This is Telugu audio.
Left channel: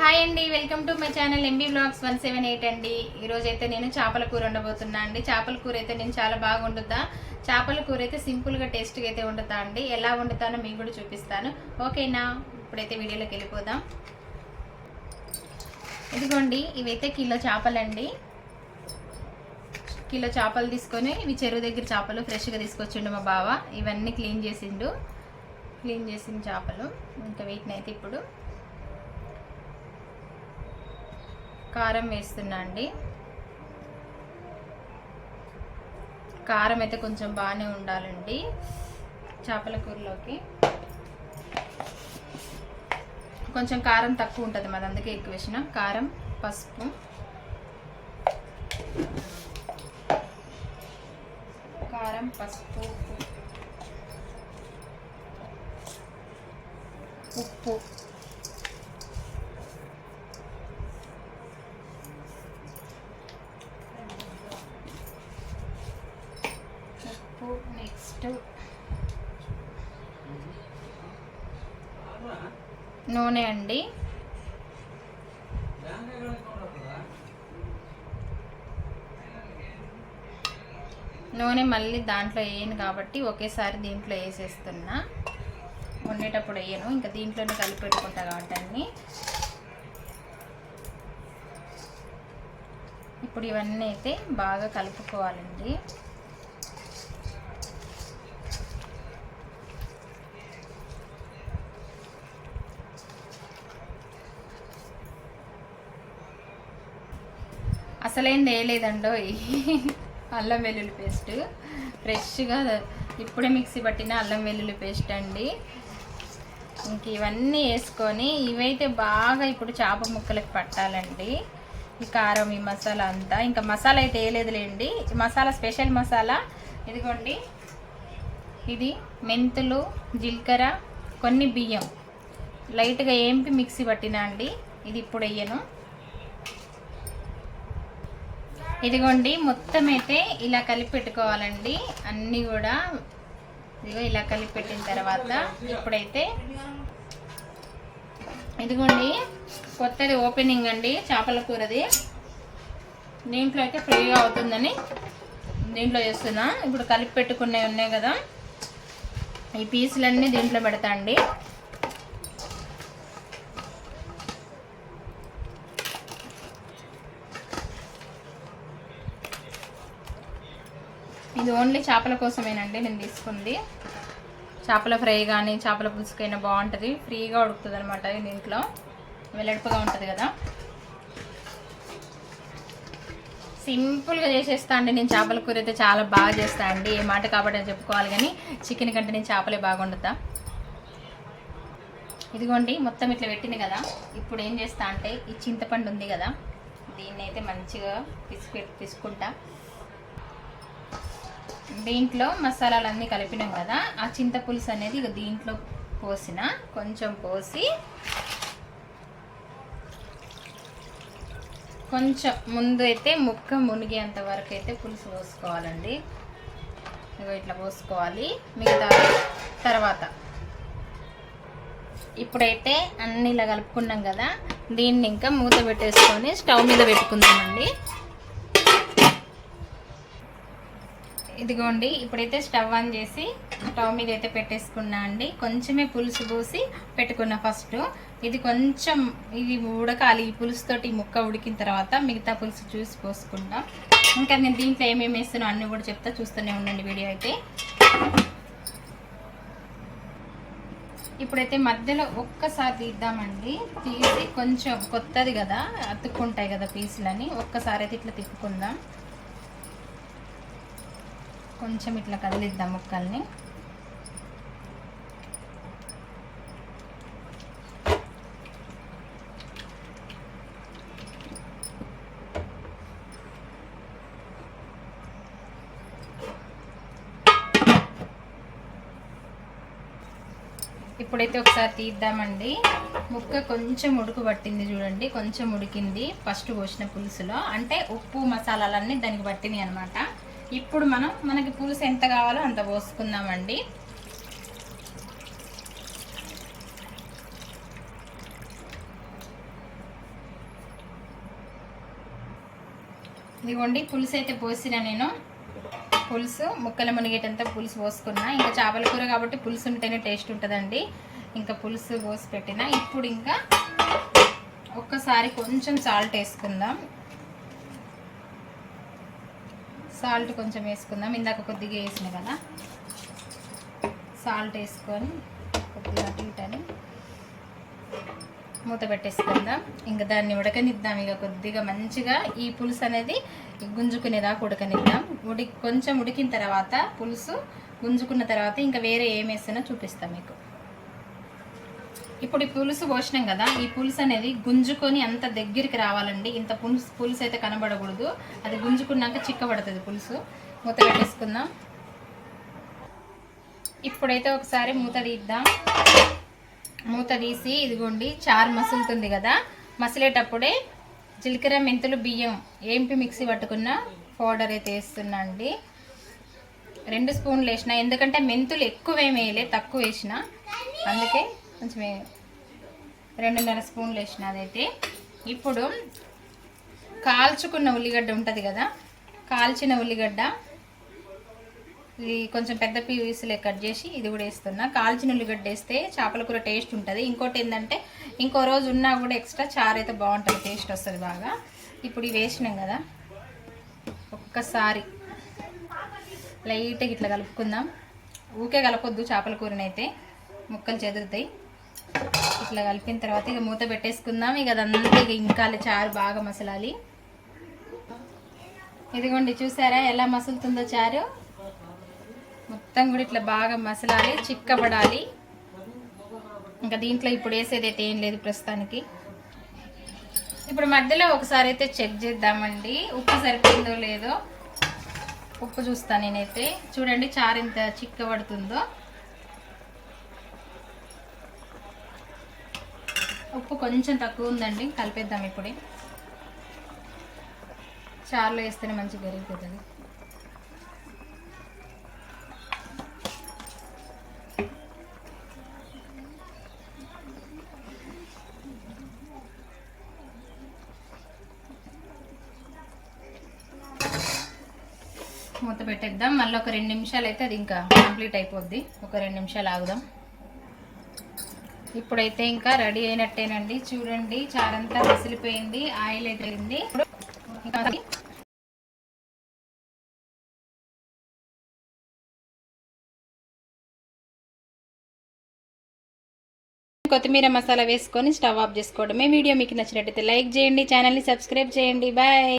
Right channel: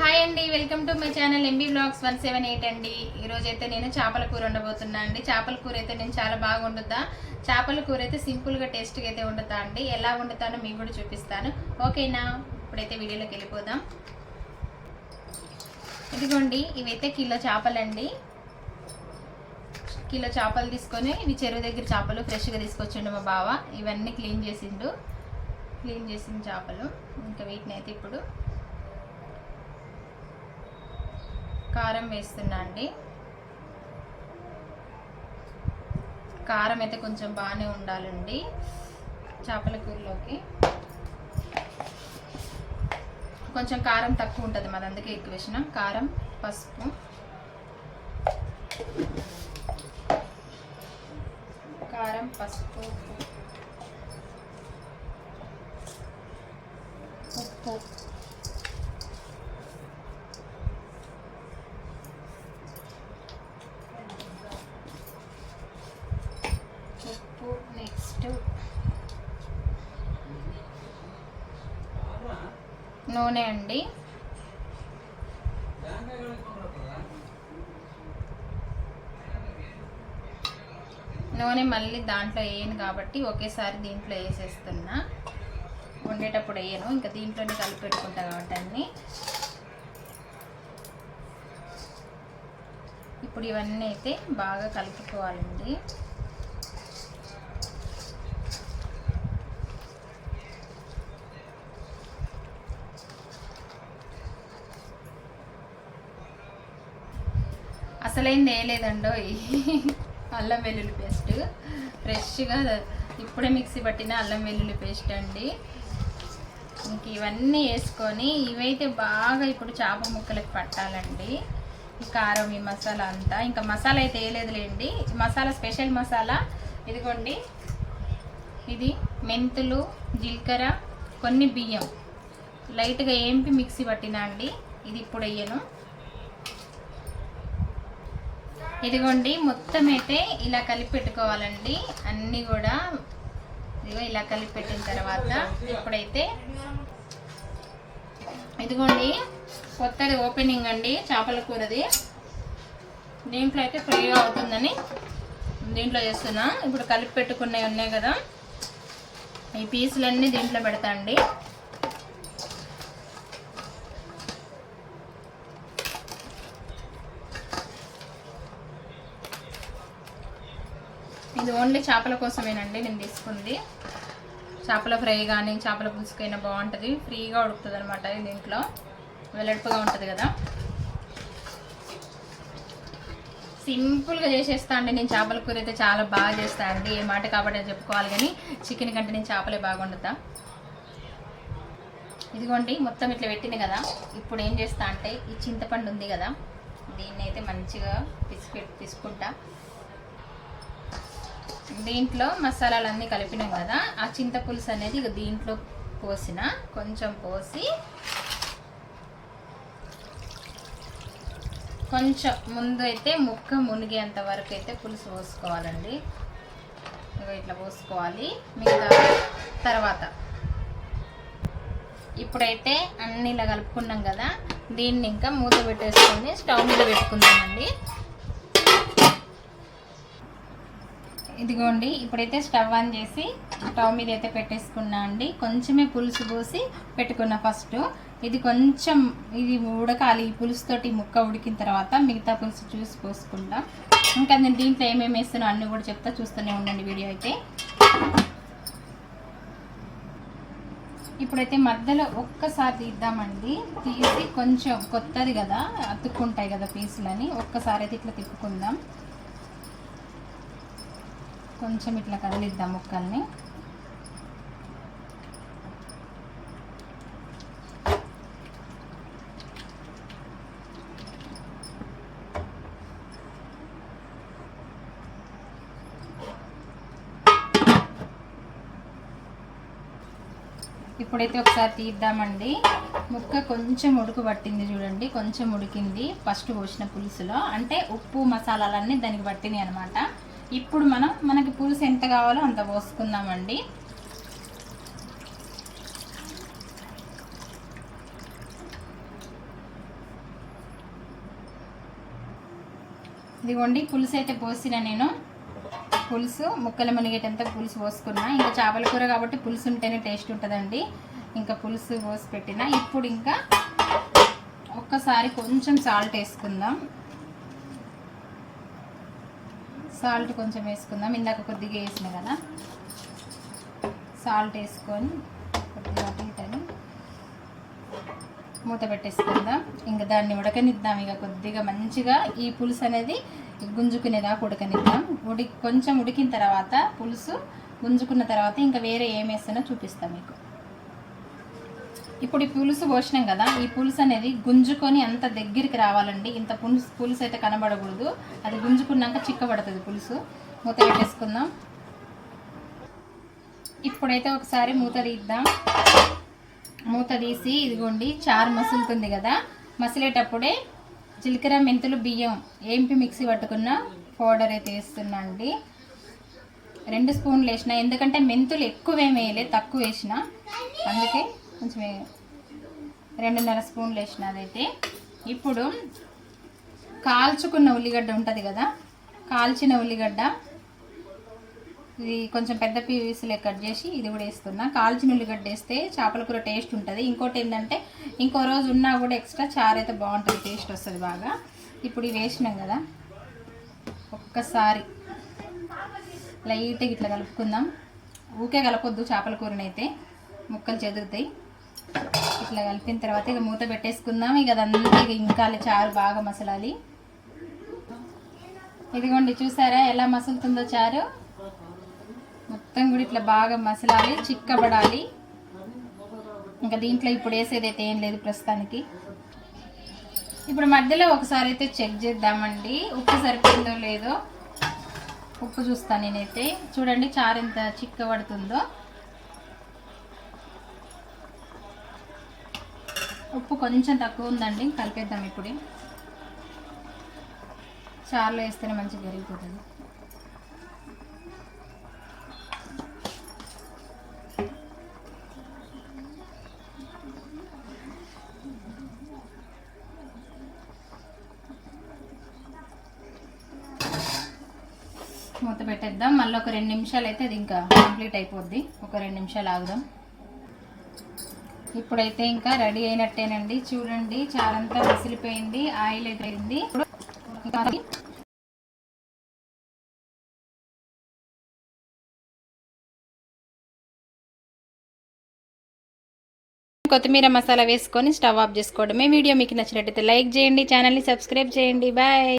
హాయ్ అండి, welcome to my channel MB blogs 178 అండి. ఈరోజు అయితే నేను చేపల కూర వండబోతున్నా అండి. చేపల కూర అయితే నేను చాలా బాగా వండుతా. చేపల కూర అయితే సింపుల్గా టేస్ట్గా అయితే వండుతా అండి. ఎలా వండుతానో మీకు కూడా చూపిస్తాను. ఓకేనా? ఇప్పుడైతే వీడియోలోకి వెళ్ళిపోదాం. ఇదిగోండి, ఇవైతే కిలో చేపలండి. కిలో చేపలు తీసుకొని, ఇవి చెరువు దగ్గర చేపలు ఫ్రెష్గా తీసుకొచ్చిండు మా బావ. ఇవన్నీ క్లీన్ చేసిన చేపలు. ఇంకా వీటిని అయితే ఇప్పుడు కారం వేస్తున్నా అండి. కారం అయితే కొంచెం బాగానే ఉండాలండి చేపల కూరలోకి. కొంచెం కారం తక్కువ ఉంటుంది మాది, అందుకే ఎక్కువ వేసిన. కారం, పసుపు, ఉప్పు, నెక్స్ట్ నూనె అండి. నూనె మళ్ళీ దాంట్లో వేయను కాబట్టి ఒకేసారి దీంట్లో వేసేస్తున్నా. వండేటప్పుడు వేయను, ఇంకా దీంట్లోనే కలిపి పెట్టుకుంటా కాబట్టి అన్నీ. ఇప్పుడు ఇవన్నీ అయితే బాగా కలుపుకోవాలండి. అసలేం వేయలేదండో అల్లం వెల్లుల్లి పేస్ట్. ఫ్రెష్గా ఇప్పుడే మిక్సీ పట్టిన అల్లం వెల్లుల్లి పేస్ట్ అండి. ఇంక ఇవన్నీ వేసుకొని ఇవైతే బాగా ఇప్పుడు చేప ముక్కలకి పట్టాలండి. ఈ కారం, ఈ మసాలా అంతా. ఇంకా మసాలా అయితే వేయలేదులేండి. మసాలా స్పెషల్ మసాలా ఇదిగోండి. ఇది మెంతులు, జీలకర్ర, కొన్ని బియ్యం లైట్గా ఏంపి మిక్సీ పట్టినా అండి. ఇది ఇప్పుడు వేయను. ఇదిగోండి, మొత్తం అయితే ఇలా కలిపి పెట్టుకోవాలండి. అన్నీ కూడా ఇదిగో ఇలా కలిపి పెట్టిన తర్వాత ఇప్పుడైతే ఇదిగోండి, కొత్తది ఓపెనింగ్ అండి చేపల కూరది. దీంట్లో అయితే ఫ్రీగా అవుతుందని దీంట్లో చేస్తున్నా. ఇప్పుడు కలిపి పెట్టుకున్నవి ఉన్నాయి కదా, ఈ పీసులన్నీ దీంట్లో పెడతా అండి. ఇది ఓన్లీ చేపల కోసమేనండి నేను తీసుకుంది. చేపల ఫ్రై కానీ చేపల పులుసుకైనా బాగుంటుంది. ఫ్రీగా ఉడుకుతుంది అనమాట. దీంట్లో వెల్లడిపుగా ఉంటుంది కదా. సింపుల్గా చేసేస్తా అండి నేను. చేపల కూర అయితే చాలా బాగా చేస్తా అండి. ఏ మాట కాబట్టి అని చెప్పుకోవాలి, కానీ చికెన్ కంటే నేను చేపలే బాగా వండుతా. ఇదిగోండి, మొత్తం ఇట్లా పెట్టింది కదా. ఇప్పుడు ఏం చేస్తా అంటే ఈ చింతపండు ఉంది కదా, దీన్ని అయితే మంచిగా పిసుకుంటా. దీంట్లో మసాలాలన్నీ కలిపినాం కదా, ఆ చింతపులుసు అనేది ఇక దీంట్లో పోసిన కొంచెం పోసి కొంచెం ముందు అయితే ముక్క మునిగేంత వరకు అయితే పులుసు పోసుకోవాలండి. ఇక ఇట్లా పోసుకోవాలి. మిగతా తర్వాత ఇప్పుడైతే అన్నీ ఇలా కలుపుకున్నాం కదా, దీన్ని ఇంకా మూత పెట్టేసుకొని స్టవ్ మీద పెట్టుకుందామండి. ఇదిగోండి, ఇప్పుడైతే స్టవ్ ఆన్ చేసి స్టవ్ మీద అయితే పెట్టేసుకున్నా అండి. కొంచెమే పులుసు పోసి పెట్టుకున్నా ఫస్ట్. ఇది కొంచెం ఇది ఉడకాలి. ఈ పులుసుతోటి ముక్క ఉడికిన తర్వాత మిగతా పులుసు చూసి పోసుకుంటాం. ఇంకా నేను దీంట్లో ఏమేమి వేస్తున్నా అన్నీ కూడా చెప్తా, చూస్తూనే ఉండండి వీడియో అయితే. ఇప్పుడైతే మధ్యలో ఒక్కసారి తీద్దామండి. తీసి కొంచెం కొత్తది కదా, అతుక్కుంటాయి కదా పీసులని, ఒక్కసారి అయితే ఇట్లా తిప్పుకుందాం. కొంచెం ఇట్లా కదిలిద్దాం ముక్కల్ని. ఇప్పుడైతే ఒకసారి తీద్దామండి. ముక్క కొంచెం ఉడుకు పట్టింది చూడండి, కొంచెం ఉడికింది ఫస్ట్ పోసిన పులుసులో. అంటే ఉప్పు మసాలాలన్నీ దానికి పట్టినాయి అనమాట. ఇప్పుడు మనకి పులుసు ఎంత కావాలో అంత పోసుకుందామండి. ఇదిగోండి పులుసు అయితే పోసిన నేను. పులుసు ముక్కలు మునిగేటంతా పులుసు పోసుకున్నా. ఇంకా చేపల కూర కాబట్టి పులుసు ఉంటేనే టేస్ట్ ఉంటుందండి. ఇంకా పులుసు పోసి పెట్టిన. ఇప్పుడు ఇంకా ఒక్కసారి కొంచెం సాల్ట్ వేసుకుందాం. సాల్ట్ కొంచెం వేసుకుందాం. ఇందాక కొద్దిగా వేసిన కదా, సాల్ట్ వేసుకొని కొద్దిగా తీటాను మూత పెట్టేసుకుందాం. ఇంకా దాన్ని ఉడకనిద్దాం. ఇక కొద్దిగా మంచిగా ఈ పులుసు అనేది గుంజుకునేదాకా ఉడకనిద్దాం. కొంచెం ఉడికిన తర్వాత పులుసు గుంజుకున్న తర్వాత ఇంకా వేరే ఏం వేస్తానో చూపిస్తాం మీకు. ఇప్పుడు ఈ పులుసు పోసినాం కదా, ఈ పులుసు అనేది గుంజుకొని అంత దగ్గరికి రావాలండి. ఇంత పులుసు అయితే కనబడకూడదు. అది గుంజుకున్నాక చిక్కబడుతుంది పులుసు. మూత పెట్టేసుకుందాం. ఇప్పుడైతే ఒకసారి మూత తీద్దాం. మూత తీసి ఇదిగోండి చారు మసులుతుంది కదా, మసిలేటప్పుడే జీలకర్ర మెంతులు బియ్యం ఏంపి మిక్సీ పట్టుకున్న పౌడర్ అయితే వేస్తున్నా అండి. 2 స్పూన్లు వేసిన, ఎందుకంటే మెంతులు ఎక్కువేమి వేయలే, తక్కువ వేసిన, అందుకే కొంచెం 2.5 స్పూన్లు వేసిన అదైతే. ఇప్పుడు కాల్చుకున్న ఉల్లిగడ్డ ఉంటుంది కదా, కాల్చిన ఉల్లిగడ్డ ఇది కొంచెం పెద్ద పీసులే కట్ చేసి ఇది కూడా వేస్తున్నా. కాల్చిన ఉల్లిగడ్డ వేస్తే చేపల కూర టేస్ట్ ఉంటుంది. ఇంకోటి ఏంటంటే ఇంకో రోజు ఉన్నా కూడా ఎక్స్ట్రా చారు అయితే బాగుంటుంది, టేస్ట్ వస్తుంది బాగా. ఇప్పుడు ఇవి వేసినాం కదా, ఒక్కసారి లైట్గా ఇట్లా కలుపుకుందాం. ఊకే కలపొద్దు చేపల కూరనైతే, ముక్కలు చెదురుతాయి. ఇట్లా కలిపిన తర్వాత ఇక మూత పెట్టేసుకుందాం. ఇక అదంతా ఇక ఇంకా చారు బాగా మసలాలి. ఇదిగోండి చూసారా ఎలా మసులుతుందో చారు. మొత్తం కూడా ఇట్లా బాగా మసలాలి, చిక్కబడాలి. ఇంకా దీంట్లో ఇప్పుడు వేసేదైతే ఏం లేదు ప్రస్తుతానికి. ఇప్పుడు మధ్యలో ఒకసారి అయితే చెక్ చేద్దామండి, ఉప్పు సరిపోయిందో లేదో. ఉప్పు చూస్తాను నేనైతే. చూడండి చారు ఎంత చిక్కబడుతుందో. ఉప్పు కొంచెం తక్కువ ఉందండి, కలిపేద్దాం. ఇప్పుడే చారులో వేస్తేనే మంచిగా కరిగిపోతుంది. మూత పెట్టేద్దాం. మళ్ళీ ఒక 2 నిమిషాలు అయితే అది ఇంకా కంప్లీట్ అయిపోద్ది. ఒక 2 నిమిషాలు ఆగుదాం. ఇప్పుడైతే ఇంకా రెడీ అయినట్టేనండి. చూడండి చారంతా మసిలిపోయింది, ఆయిల్ అయిపోయింది. కొత్తిమీర మసాలా వేసుకొని స్టవ్ ఆఫ్ చేసుకోవడమే. వీడియో మీకు నచ్చినట్టయితే లైక్ చేయండి, ఛానల్ని సబ్స్క్రైబ్ చేయండి. బాయ్.